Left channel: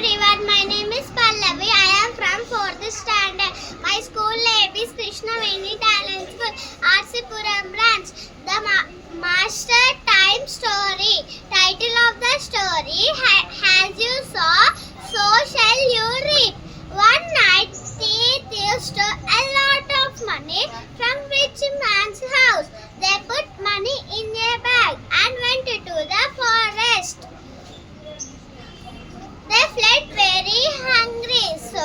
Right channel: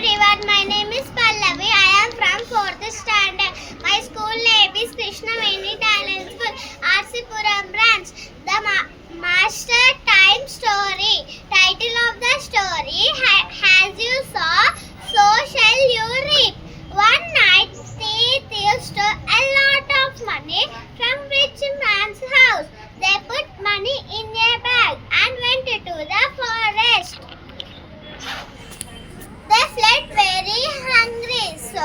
everyone, my name is Pallavi. I am from 4th standard. My school name is Krishnaveni Talent School, Arsipuram branch. The Master Time Story. Title of the story, as you saw, so shall you reap. One night, thieves stole a lot of money from rich man's house. They put money in a bag and went to the forest. They fled very hungry, so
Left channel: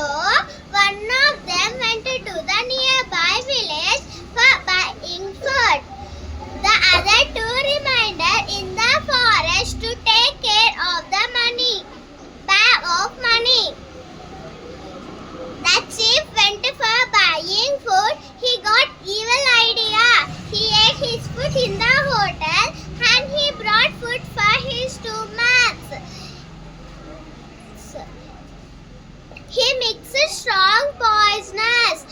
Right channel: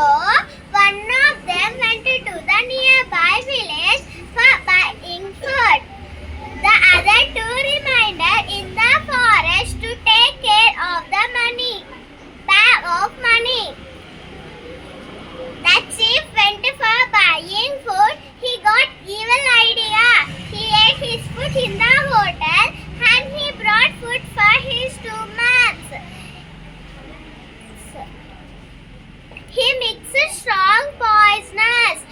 one of them went to the nearby village for buying food. The other two remained in the forest to take care of the bag of money. The chief went for buying food. He got evil idea. He ate his food in the hotel and he brought food for his 2 months. He mixed strong poisonous.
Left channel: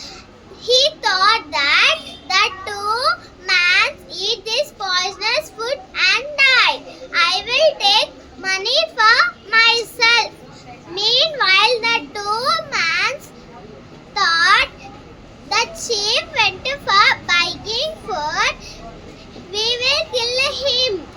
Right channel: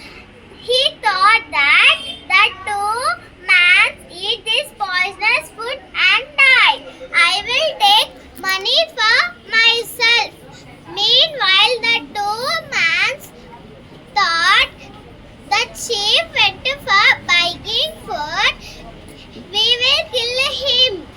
He thought that the 2 men eat this poisonous food and die. I will take money for myself. Meanwhile, the 2 men thought the chief went for buying food. We will kill him.